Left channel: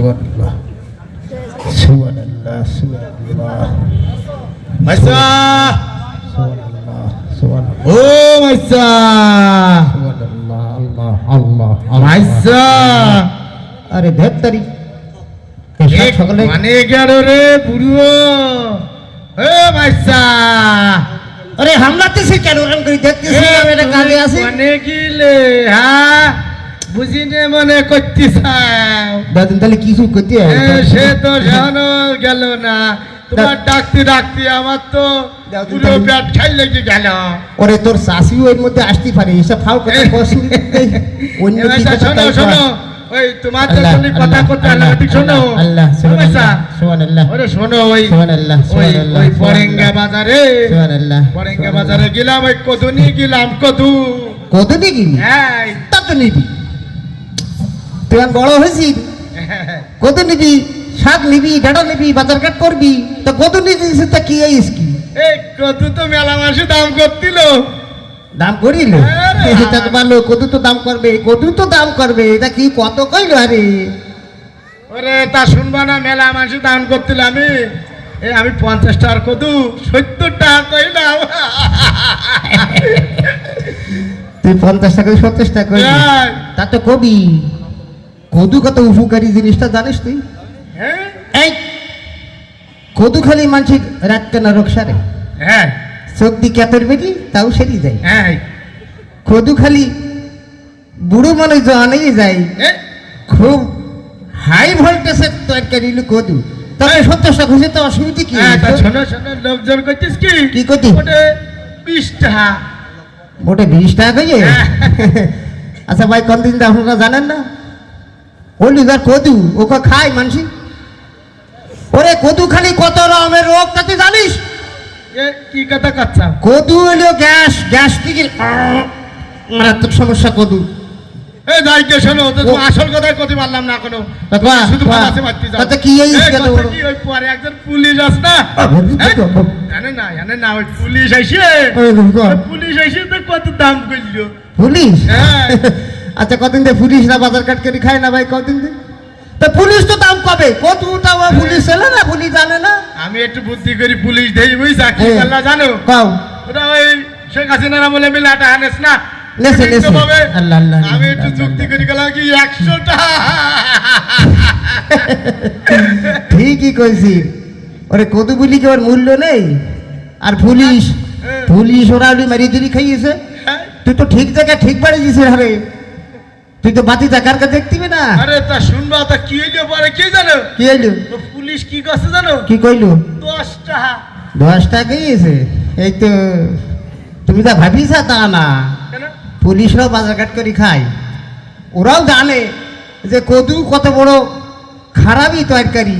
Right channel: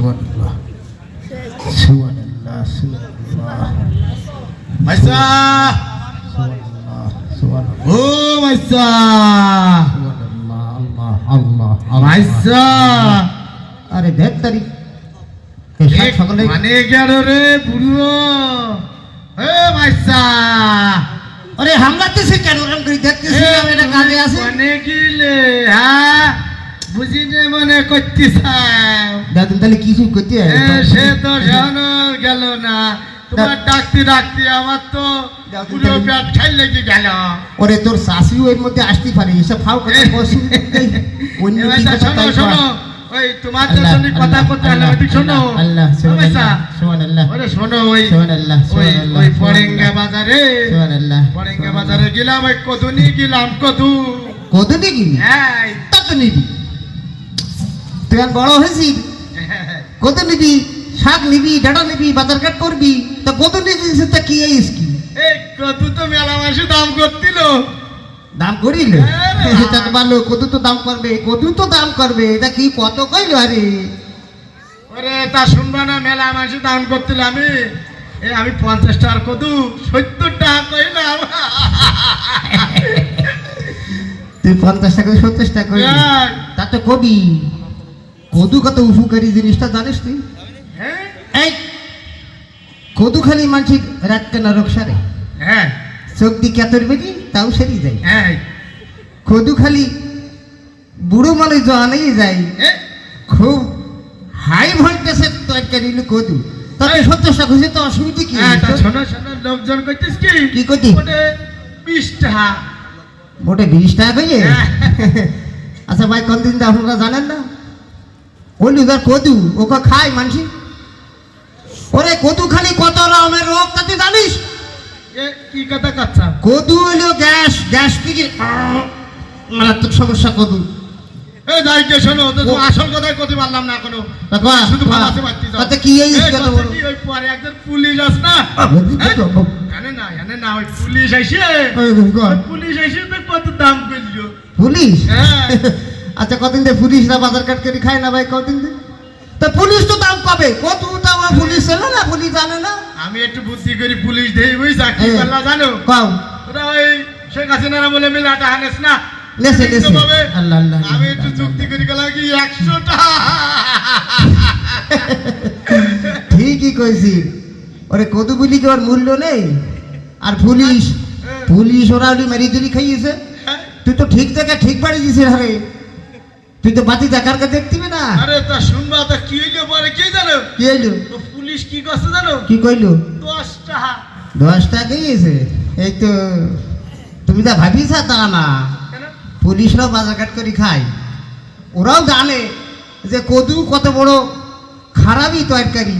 সুবহানাল্লাহ। সুবহানাল্লাহ সুবহানাল্লাহ। মাইসা! সুবহানাল্লাহ সুবহানাল্লাহ। ও মাইসা! সুবহানাল্লাহ আল্লাহ আল্লাহ মাইসা! আরে ধের তারি। মানে গেল রে বুড়ো ও মাইসা! আরে হামলাতেছে কেন? ওরকম করে দেখতেছি আমি এটা কাজে আছি মানে গিলে হ্যাঁ? বুঝি নে মনে করছিস দাদুন তাহলে কিছু করতে সে তো জানো গেল না তোমার ডাকতে ডাকতে আমার তো পুরো তাহলে- খাই লেগে গেল ওরে তোর শাশিও এর মধ্যে আসতে পারে এসব খাও কথা বসি অন্য এ, কি মাইসা, কথা শোনো শোনো ওই তোমার তো সঙ্গে কথা করতে আল্লাহ আল্লাহ, ঠিক শোনো আল্লাহ, ও, মাইসা, ওরে শোনো ওই সুবহানাল্লাহ, ওই ওই পরেঙ্গা বাজারে সুবহানাল্লাহ, পরেঙ্গা বাজারে গেলাম ওই কদু নিয়ে গেলাম কদু নিবি হ্যাঁ তা তো নিবি তুই বড় হয়েছিস কত নিবি শাক নিবি ডাটা নিবি বাজার ঘাট করবি তা কত নিবি তা কি এই কি এই কদু তো মেলা মাসে দাম করছিল। দাম করিল? এটা তো ভালো কদু তো দাম করবে কদু তো দাম করবে এটা কি কত কইলো আরে? ওরে তা শুনবা না মেলা মাসে দাম করছিল আমি। এ আমি পঞ্চাশ টাকার কদু সত্তর টাকা কইলাম। তুই পঞ্চাশ টাকা সত্তর টাকা কইলি। তা তো কবি। কদু কত উপকারী জিনিসটা জানিস তুই? হ্যাঁ। এই কদু খালি মানসিক রাত কেনা রোগ সারে হ্যাঁ। চোখ দি ক্যাতের তাও সেরি যায়। হ্যাঁ। কদু খালি বুড়ো মানুষ জানেই যায় খুব হাই ভোল্টেজের তরকারি কদু। তবে সত্তর টাকা তো অসুবিধা কি? হ্যাঁ, শোনো শোনো লোকজন করছিস কি? কি করছি? ওটা বিশ টাকা। মোটে বিশ টাকা হ্যাঁ। আচ্ছা ভাই কোন দিন আপনারা জানেন না? বললি না কদু ওকে খায় মানসি। ওরে কদু খালি কত রকমের রোগ তা তুই জানিস? এ, কি কথা কাচ্ছা কদু হলো গ্যাস গ্যাস থেকে মারাত্মক সমস্যা কদু। আসল কতি পারলাম না কোনো শুধু তাতে কি পরে একজন পুলিশ আস না জানে না জানে না ওই পুলিশ আইসে। পুলিশ আইসে তো কত দাম করল পুলিশ? হ্যাঁ। আচ্ছা কদিন দিয়ে পুলিশ না বাজার কাট করে খায় না ভাই কদিন দিয়ে? তা পুলিশ তো দাম পাবে। কত আমার পুলিশ জানে না পুলিশ জানে না। আমি একটু বুদ্ধি করি পুলিশ দেই বুঝছা? কি হ্যাঁ। করলা জানো? পাও ওরা ওই শেখ হাসিনারা বলে মিলে আটা হানেস না? আমি একটু যুক্তি করি গেলাম কি একশো টাকা ঠিকই কইছি। ওরে কদু বলি কি ওর মূল্য নেই? আর পুলিশ পুলিশ ওরা মারি দিলি খাইয়েছে। তুই তো ঠিক জায়গায় ঠিক বাড়ি দিছিস আরে। তুই তো বাতি জাকার কা দেখতিবি না। আরে তা শুনবা তা কি হইল পরে? কে জানো? কি হইল? তো পুলিশ কি করছে জানো? কি কইলো? দশ টাকা। দশ টাকা গিয়েছে? এই তো তুমি তা ভাবিস তা না? পুলিশরাও বাজারঘাট করে খায়। ওরাও জানে যে কদু কত বড় খারাপই তরকারি।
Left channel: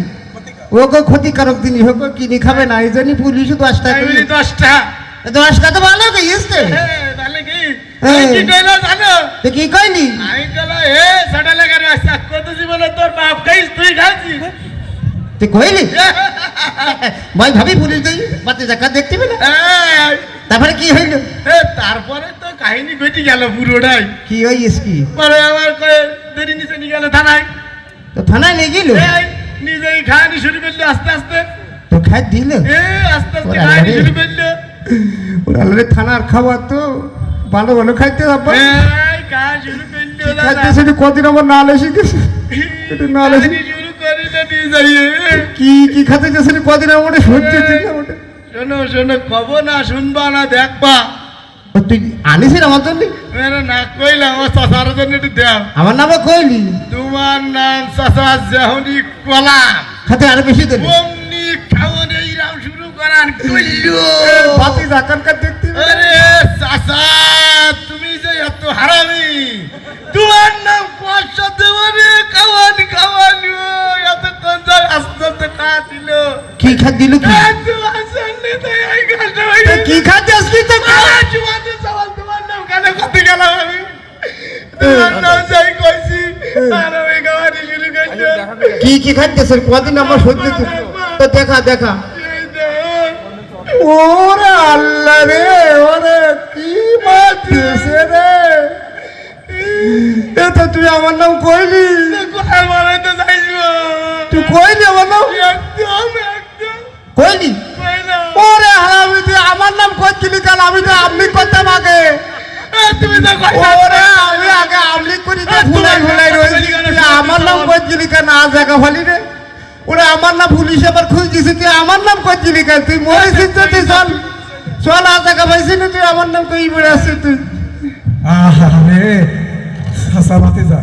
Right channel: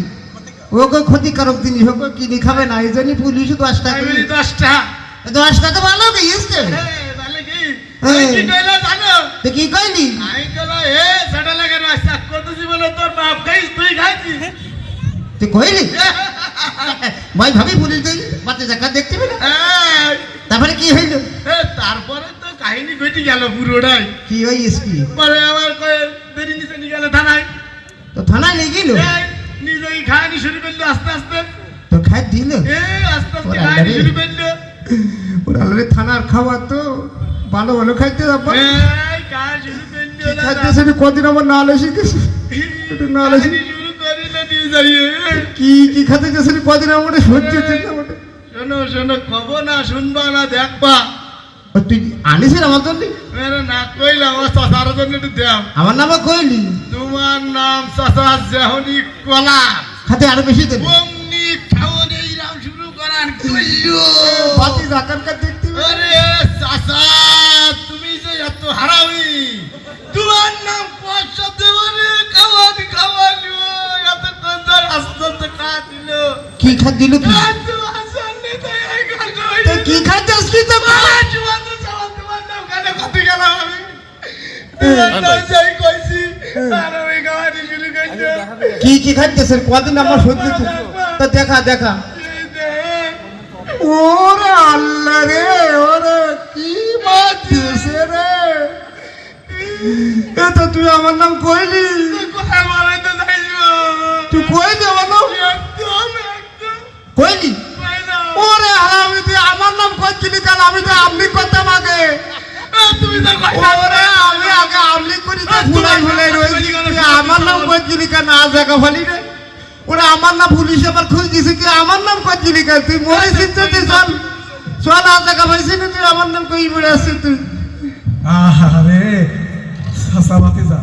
ওকে ক্ষতিকারক জিনিস ওকে কিনে খাবে না এই জন্যই পুলিশও দশ টাকা দশ টাকা। দশ টাকা তো ভালো গিয়েছে হ্যাঁ, কি হ্যাঁ। কি কইলো জানো? তো কি কইলি? আমি কইলো হে সাটা লাগার রাস্তা কত জীবনে তোর বাপ খাইস তুই খাইছিস তুই কইলি? ভাই ভাবি পুলিশ দেই বাতি জায়গা দেখতে পেলে তারপরে কি হইল? তারপরে তো কাহিনী ঘটে গেল পুরোটাই। কি হইস কি? পরে আবার কয়ে দেরি নিচে নিয়ে গেল থানায়। তো থানায় নিয়ে গেল? নিজেই খাওয়ানি শুরু করল আস্তে আস্তে। তো খাই দিল? এ আস্তে আস্তে খাওয়ানি শুরু করল। ওরা থানার খাবার তো। ভালো ভালো খাইতে এই। খাইতেছে কদিন আমার নাল এসে গেছে। একটু নিয়ে যাইয়ে। কি কি খাতে গেছে কদিন আমার সহ্য না। শোনো শোনো কব না শুনবা না দেখবা। তুই আনিস আমার জন্য? না কইলে আমার চাষার জন্য একটু দেও। আমার নামে কইলি? তোমার নাম চাষা জহনি কলা খাতে আরও বেশি দেবে অমনি খাওয়ান এইরাম শুরু করার কইলো। বাতি জাকার কার দেখতে। আরে চাষা হারামি। তোমার নাম পয়সা দেওয়ারে খাওয়ান খাওয়ান ও, এত কোন আস্তে আস্তে খাওয়া দিল। কি খাত দিল কি কি খাতে আসলি তো? তোমার নাম কেন করতে গেলাম আমি? কি কি খাইতেছে কদিন আমার সহ্য হচ্ছে তো দেখা দেখ, ওরে আল্লাহ রে, ওরে কি দিয়েছে রে? এ তো তুই আমার নাম কইলি। কোথায় বলে তো যাইছো? কইলি আমার নাম? কইলি? ওরে হারামি, তুই আমার নাম করছিলি কাল আমি তো আমলি করতাম আগে। তুমি তো আমি আগে আমলি করি আমার নাম করছিলি কেন? আজ ফালি রে। ওরে আমার নাম পুলিশ আবার খুঁজছিস তুই আমার নাম করছিলি কেন? তুই মরেছিস তো তুই চল চল আজ জায়গা পাইছি না তুই আমার নাম কই বেড়ে আসছিস তুই? রে সাসামাতে যা।